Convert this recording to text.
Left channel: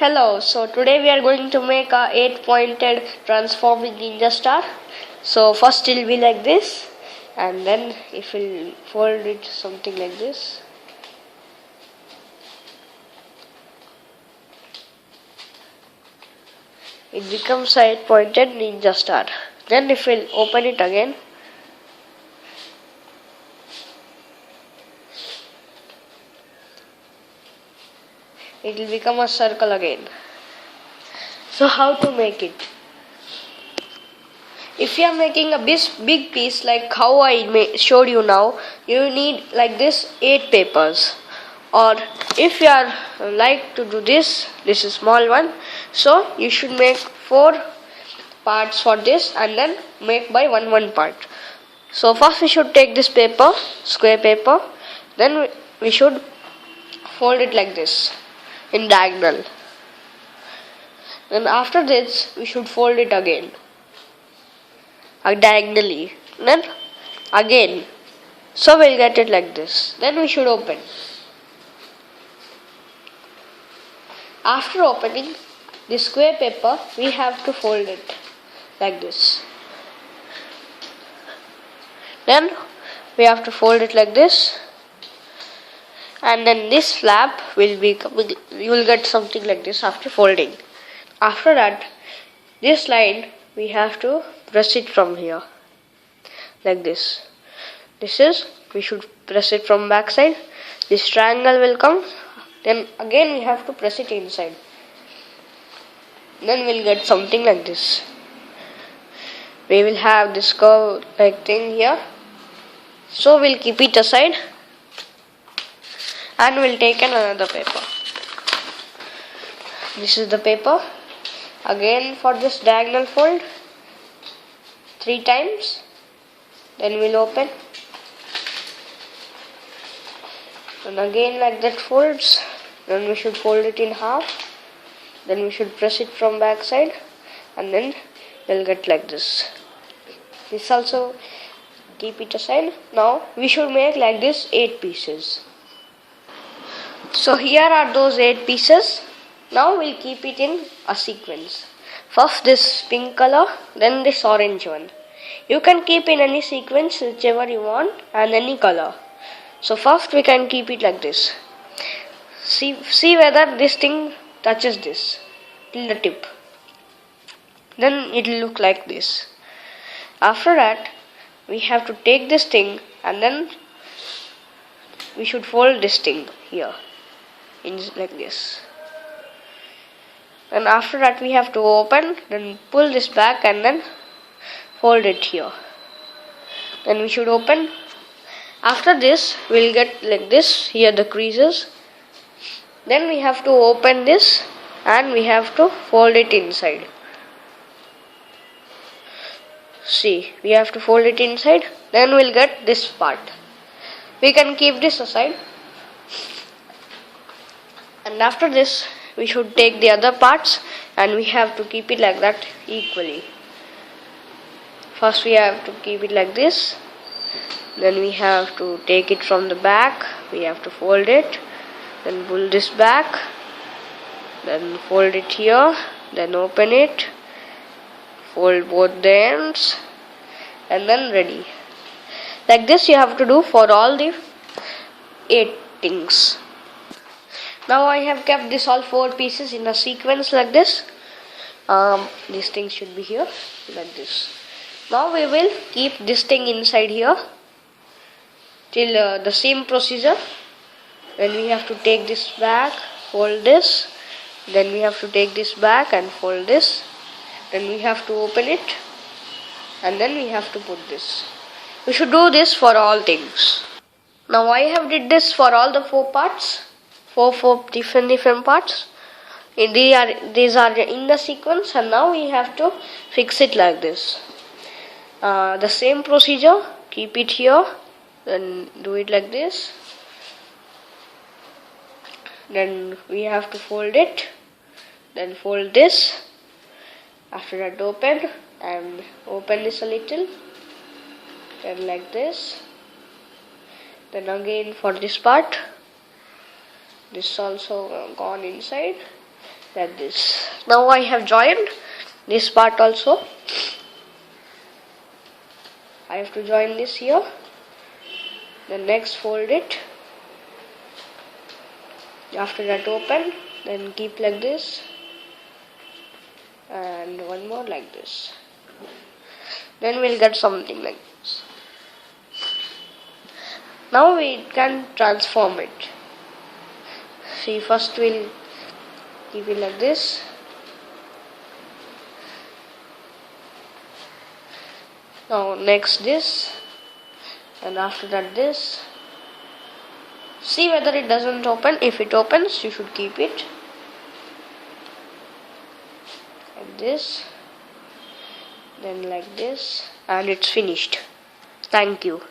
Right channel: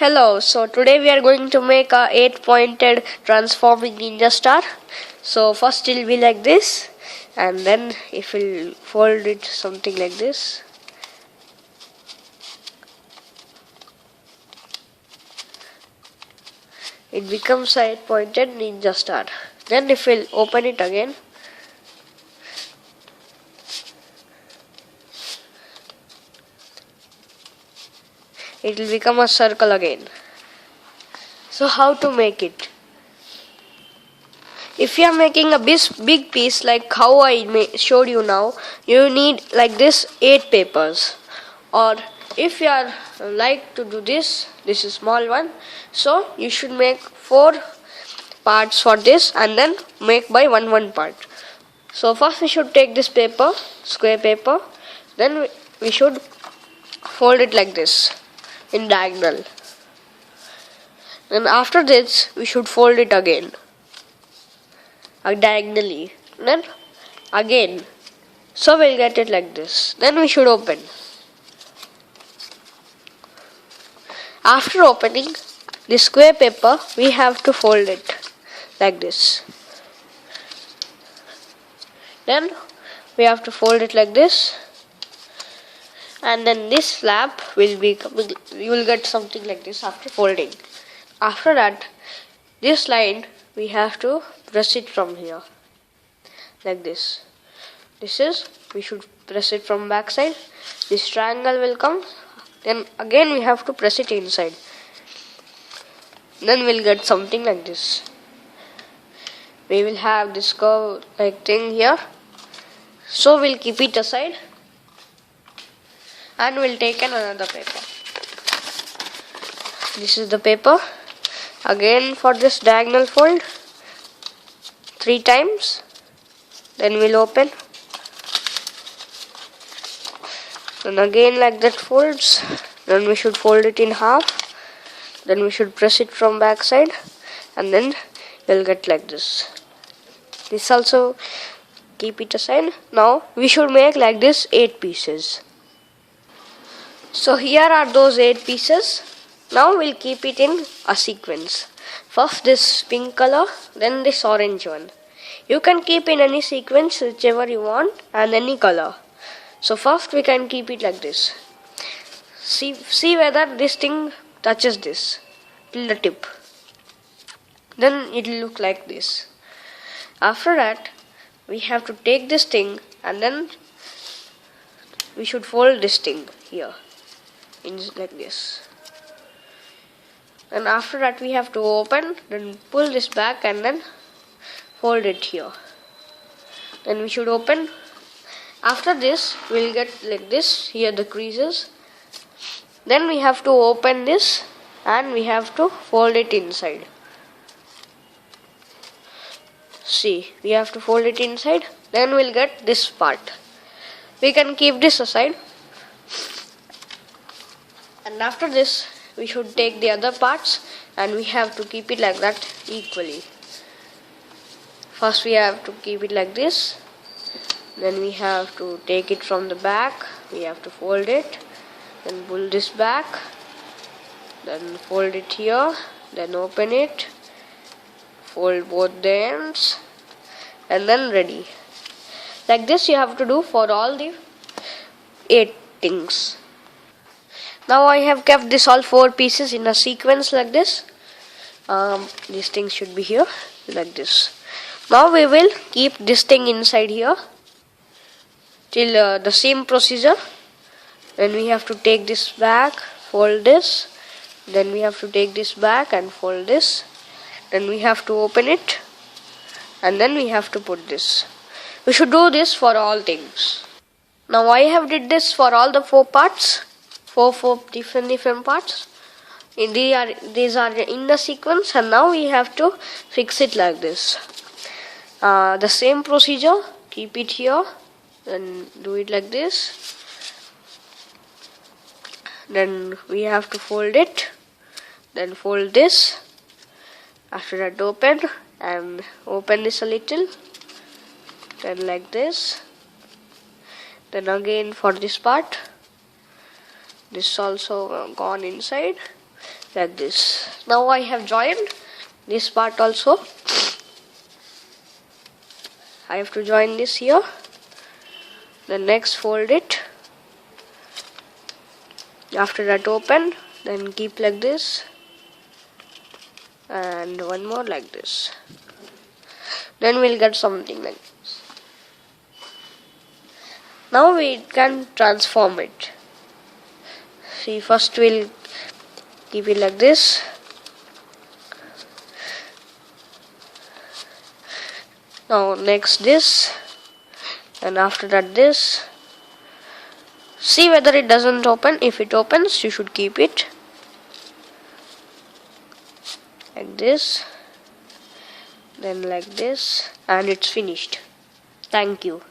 Hello, so today we are going to make a 8-pointed transforming ninja star. So first it will be like this, and then if we'll fold it something like this. It becomes a 8-pointed ninja star. Then if we'll open it again, it will become a circle again. So how to make it? If you are making a big piece like how I showed you now, you need like this 8 papers. Or if you are like to do this is small one, so you should make 4 parts for this and then make by one part. So first we should take this paper, square paper, then we should fold it like this in diagonal. Then after this we should fold it again diagonally, then again, so we'll get it like this. Then we should open. After opening the square paper, we have to fold it like this. Then we have to fold it like this, and then this flap will you will get something like this after folding. After that, this line we have to press it from here like this. We should press it from back side. This triangle will come, then again we have to press it inside. Then we'll get something like this. We will have this curve like thing here. So we'll keep it aside and we'll take another paper. This is the paper. Again for this diagonal fold 3 times. Then we'll open. And again like that folds. Then we should fold it in half. Then we should press it from back side. And then we'll get like this. This also keep it aside. Now we should make like this 8 pieces. So here are those 8 pieces. Now we'll keep it in a sequence. First this pink color, then this orange one. You can keep in any sequence whichever you want and any color. So first we can keep it like this. See whether this thing touches this till the tip. Then it will look like this. After that we have to take this thing and then we should fold this thing here in like this. And after that we have to open, then pull this back and then fold it here. Then we should open. After this we'll get like this, here the creases. Then we have to open this and we have to fold it inside. See, we have to fold it inside. Then we'll get this part. We can keep this aside. And after this we should take the other parts and we have to keep it like that equally. First we have to keep it like this. Then we have to take it from the back. We have to fold it. Then pull this back. Then fold it here. Then open it. Fold both the ends. And then ready. Like this you have to do for all the 8 things. Now I have kept this all 4 pieces in a sequence like this. These things should be here like this. Now we will keep this thing inside here till the same procedure. Then we have to take this back, fold this. Then we have to take this back and fold this. Then we have to open it. And then we have to put this. We should do this for all things. Now I have did this for all the 4 parts. 4 different parts. These are in the sequence, and now we have to fix it like this. The same procedure, keep it here, then do it like this. Then we have to fold it, then fold this. After that open and open this a little, then like this. Then again for this part, this also gone inside. like this. Now I have joined this part also. I have to join this here. Then next fold it. After that open, then keep like this, and one more like this. Then we'll get something like this. Now we can transform it. See, first we'll keep it like this. Now next this, and after that this. See whether it doesn't open. If it opens, you should keep it like this, then like this, and it's finished. Thank you.